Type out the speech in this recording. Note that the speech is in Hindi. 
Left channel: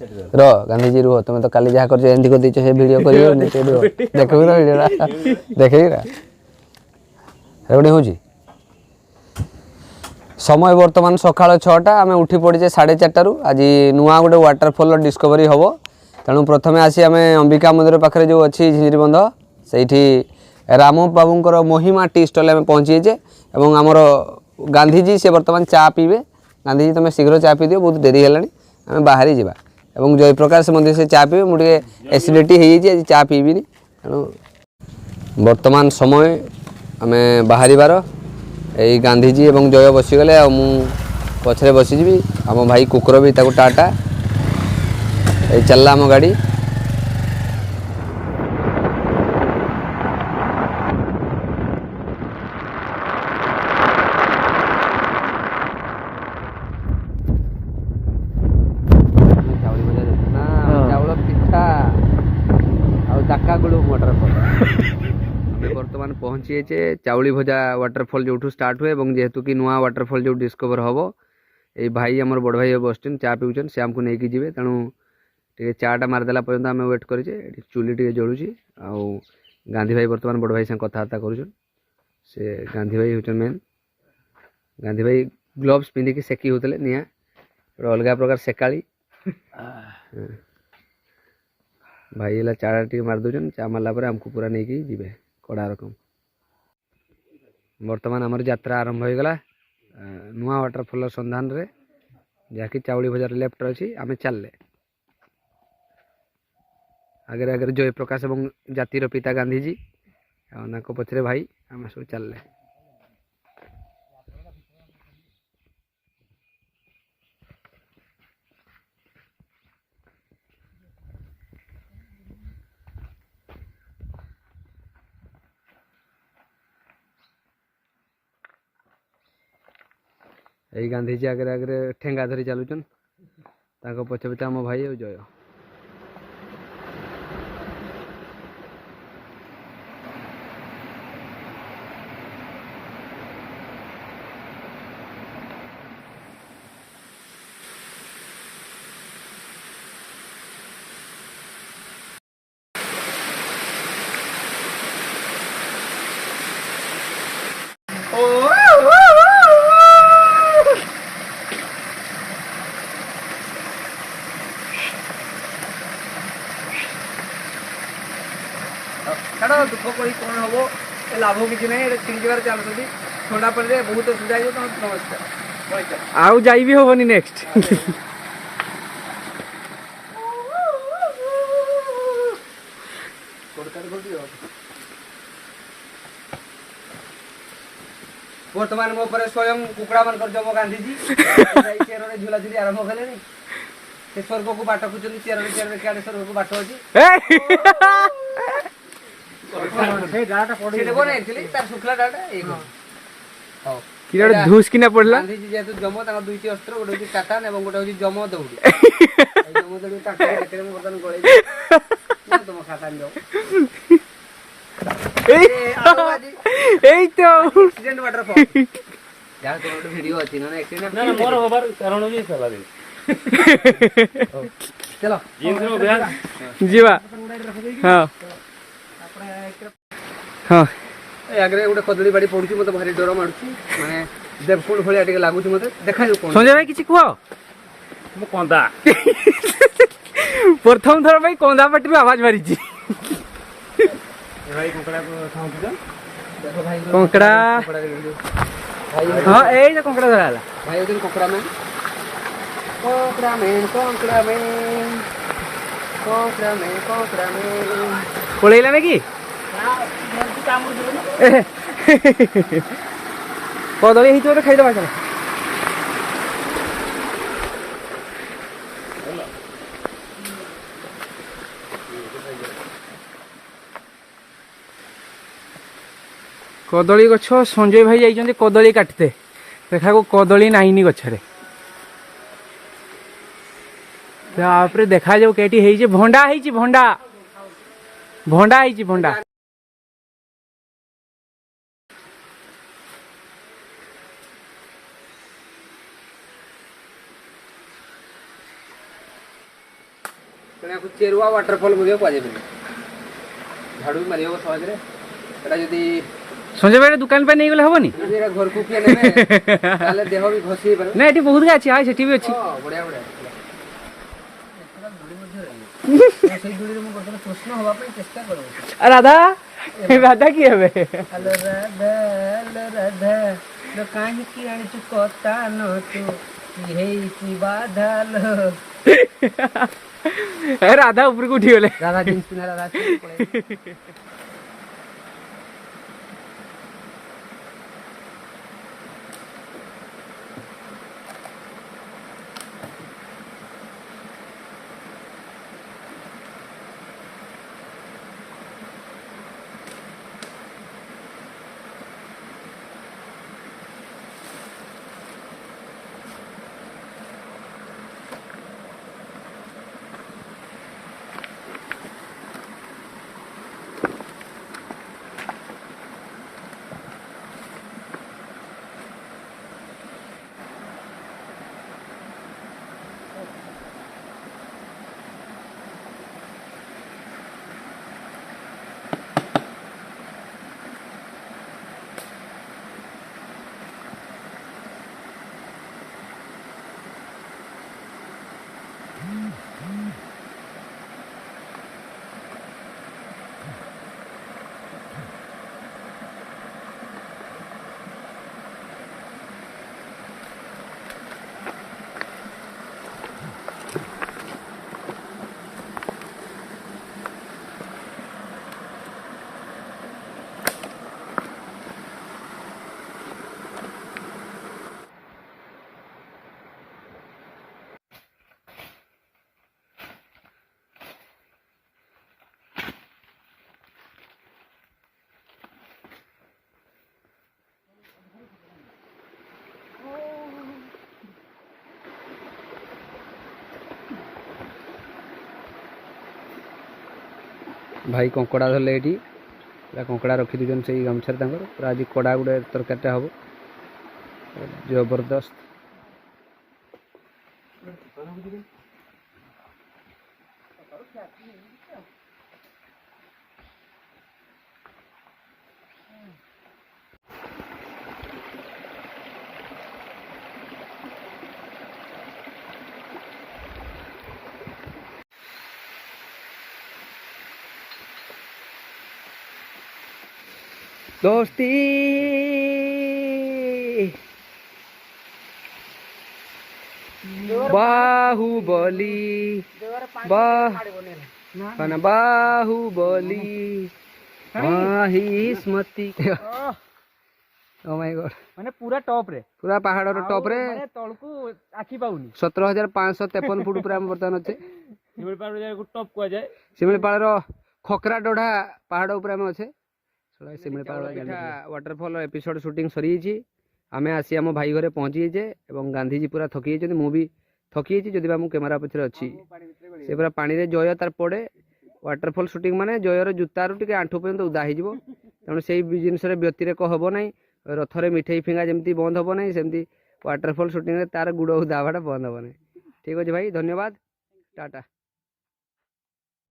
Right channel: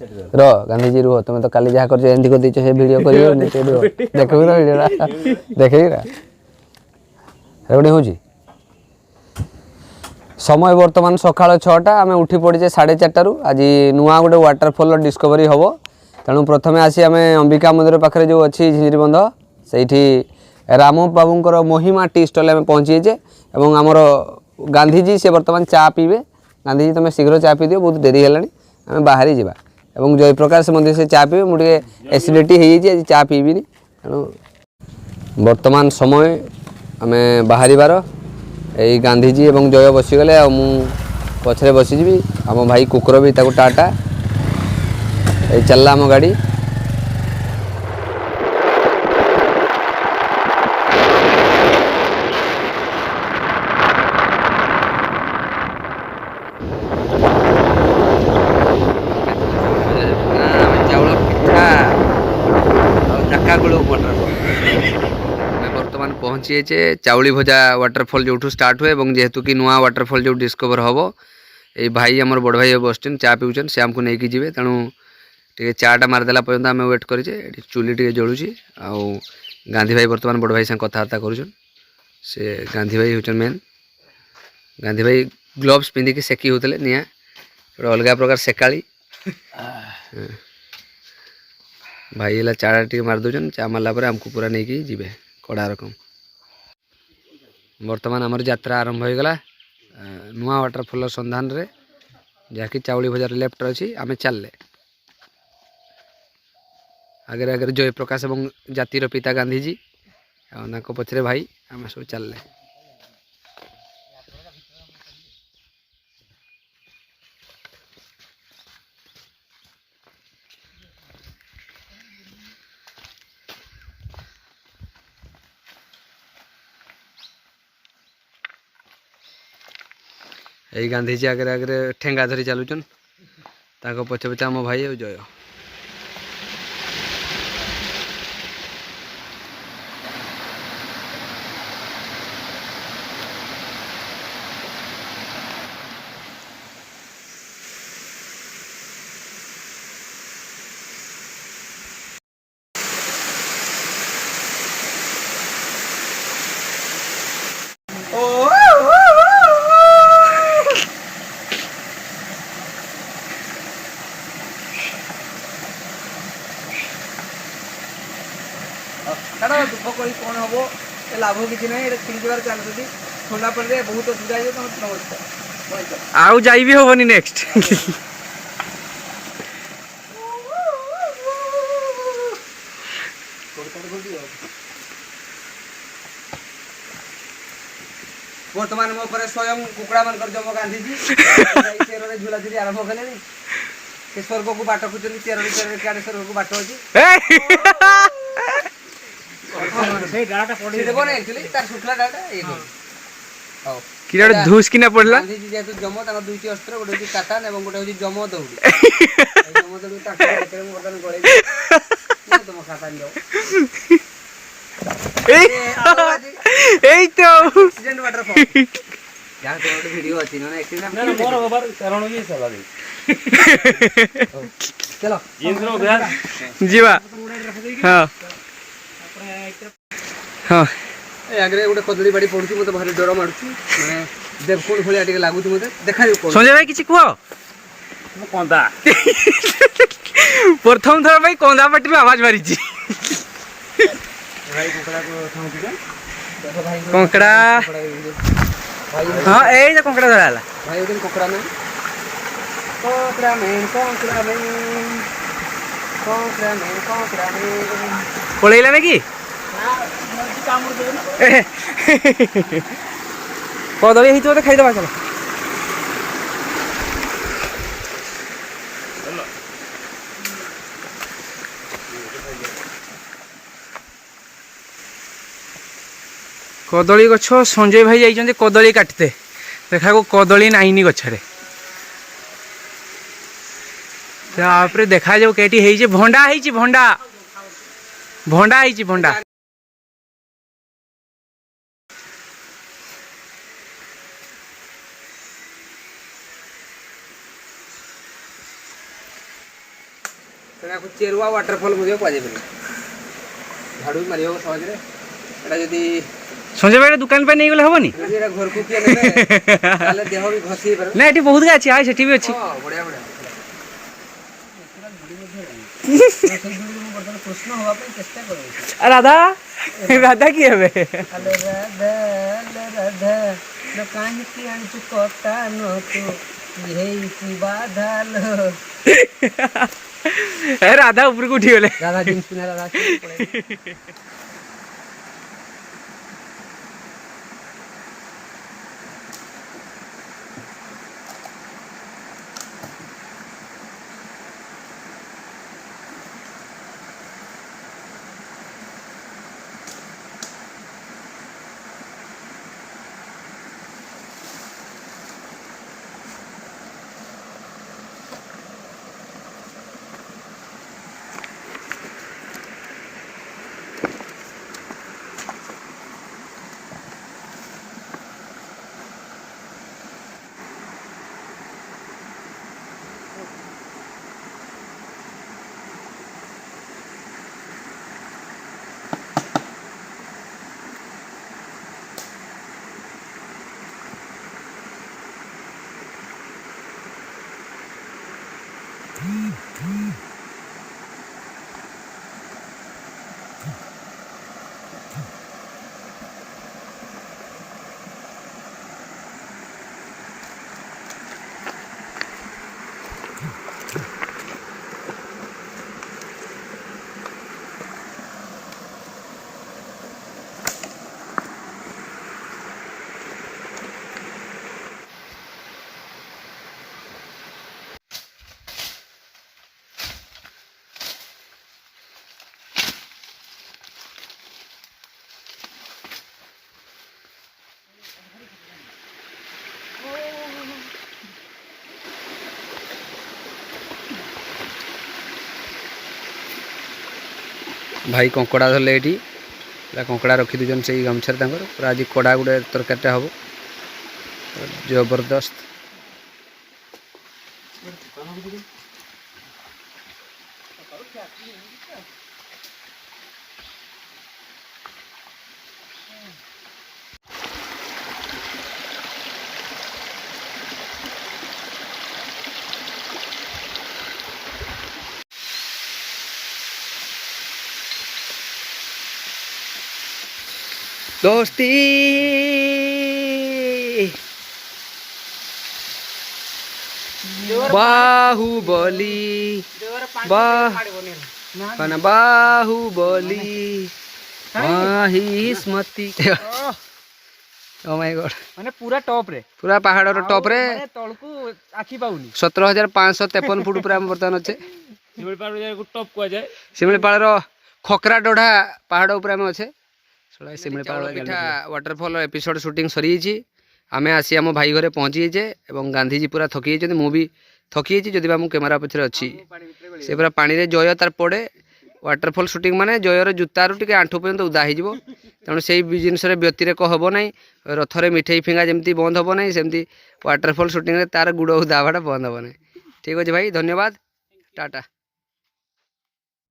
रो गांधी जी रुह तुम तो काली जहाँ कर एंती कर दीचो से वीडियो करियो देखबी तो वीडियोटा देखबी ना रेडी होजी समय बर्तमान सकाळ 6टा आम उठी पड़े 4:30 आज नुआ गोटे वाटरफॉल डिस्कवरी हम तेणु प्रथम आसी आम अंबिका मंदिर पाखे जो अच्छी झिंझिरीबंध से राम बाबूर महिमा टी स्टल आम पहुँचीचे और आमर गांधीजी से बर्तमान चा पीबे गांधीजी तुम शीघ्र चा पी दियो बहुत डेरी है आम बाहरी जा और जयप्रकाश मंदिर से चा पीबे मुझे एसिडिटी हो चा पीबी तेणु बर्तमान समय आम बाहर यही गांधीजी एवं जय बसीगले मु पछरे बसीजी आम भाई कुकुर भी ताको टाटा ये चलला आम गाड़ी चाउल पिठा बर्तमान पहुँची चाउली भजा वाटरफॉल जो स्टार्ट हुए और जेहेतु कि नुआ वाटरफॉल जो डिस्कवर हम ये भाई आमर बड़ भाई बसन चा पीछन से आमको नहीं जी तेणु टे चाटा मारिदेला पर्यटन आम वेट करे चूली टे जलुची आउ गांधी भाई बर्तमान बड़ भाई संग कथबार्ता करुन से गांधी भाई हूँ मेन गांधी भाई ग्लोव्स पिंधिकी सेकी होते निआ गोटे अलग प्रकार सेकाली भाई है चाटा टे मारिदे चा मारला आमको पूरा नहीं जी कड़ा रकम बर्तमान आमर यात्रा आरंभ हो गला नुआ वाटरफॉल सन्धान रे जहाँकि चाउली बजार लेफ्ट अच्छी आम चलले आगे आगे जयप्रकाश और जातिर पिता गांधीजी आ पछरे भाई आम सब चलले यही गांधीजी आगे आगे ठेंगा धरी चलुचन पछे पछे आम भाई और जय दुख करी कौन हम लाभ किसी ना तीन जगह चलती थोड़ा पड़े बहुत असुविधा है तो नमस्कार आउ जाई भी होनी नेक्स्ट बर्तमान मो पर स्वयं कुकड़ा मन कर जम गांधीजी चेयर झूला झूली आरंभ कले से स्वर्ग को बाट खुचन चेयर चेयर काडे स्वर्ग को बाट अछि धूस किना पड़ला गांधीजी जेतु जम ताका दुईटी अस्त्र गोटे होची काटान एवं गोटे होची जम दौड़ी जम दौड़ी ताका देखले म बर्तन गळे तुम खातान जाओ एई तो एक्सीडेंट वाटरफॉल या तो वीडियो अछि न एक्सीडेंट ना मोर होबार कारण ये सला दे चलो जीवा हां हाँ आगे गोटे कदली बाड़ी पड़ू मत भारी डर मारूँ देवकुंड भाया टे लगुच मत देखा संजय भाई किसी कह कंदा प्रथम थर भाई कंदा पाटी आवाज मारी कंकड़ा हाँ ये कंकड़ा धरा भाई कंकड़ा मैन कंकड़ा मैन कंकड़ा मैन कंकड़ा मैन कंकड़ा मैन पलैला ना कि कदली ही तो खाईदबा चलो कदली गछ संजय भाई जाइछन्ते कदली काटते देखा को कदली नाइनी गछरे तापरे देखा जाऊ केटी हेइजे भंडा हेइछि भंडा भंडा हेइछि भंडा तेणु चेरुआ वाटरफॉल मुझे कहुए झाड़ू मारि हम सहज यदि संजय भाई दुकान पे नहीं गले हबनी घर को किए नेबे देह भी घसी पारे ना ये बहुत अच्छी हाय सेठी भी अच्छी बढ़िया बढ़िया कृष्ण हवा चेष्टा कर राधा राधा की हेबे हेलो राधा राधा लो काहे की आनी तू कता न तू हेई की बाधा लो ए राधा ऊपर को उठी गले राधा जींस पिना लगा भाई कंकड़ा धरले ये कंकड़ा रखी दून से गामछार पूरा आज कड़ा गोटे तरकारी हम जबरदस्त दोस्ती बाहुबली बाहुबली स्मृति ओ माय गॉड माने पूरा टॉप रे पूरा पहाड़ टॉप रे तळकू आखी पाउनी 17,553 फुट पूरा बर्तमान अच्छे शिमिलीपाल को टॉप को जाए शिमिलीपाल खकरा डोढ़ा पहाड़ ऊपर आम अच्छे वाटरफॉल एपिसोड शूटिंग सरी आम आसी आम भाई घरे पहुँची जाइए गांधीजी पूरा थकी जाइए मु भी थकी जाइए जदि कैमेरा पछरे अच्छी से पूरा पानी रे जय तार पड़े वाटरफॉल शूटिंग माने जयर जूतारू टे आंठू पर्यंत उदा हो तेणु से जिनस व्यतिरेक हम ना रथरे मिठे फिंगा जमी बंद हम ना सेमती वाटरफॉल शूटिंग तार गुड़ उदा हवाटा बंद हम ना ठीक अच्छे भाई धन्यवाद टाटा।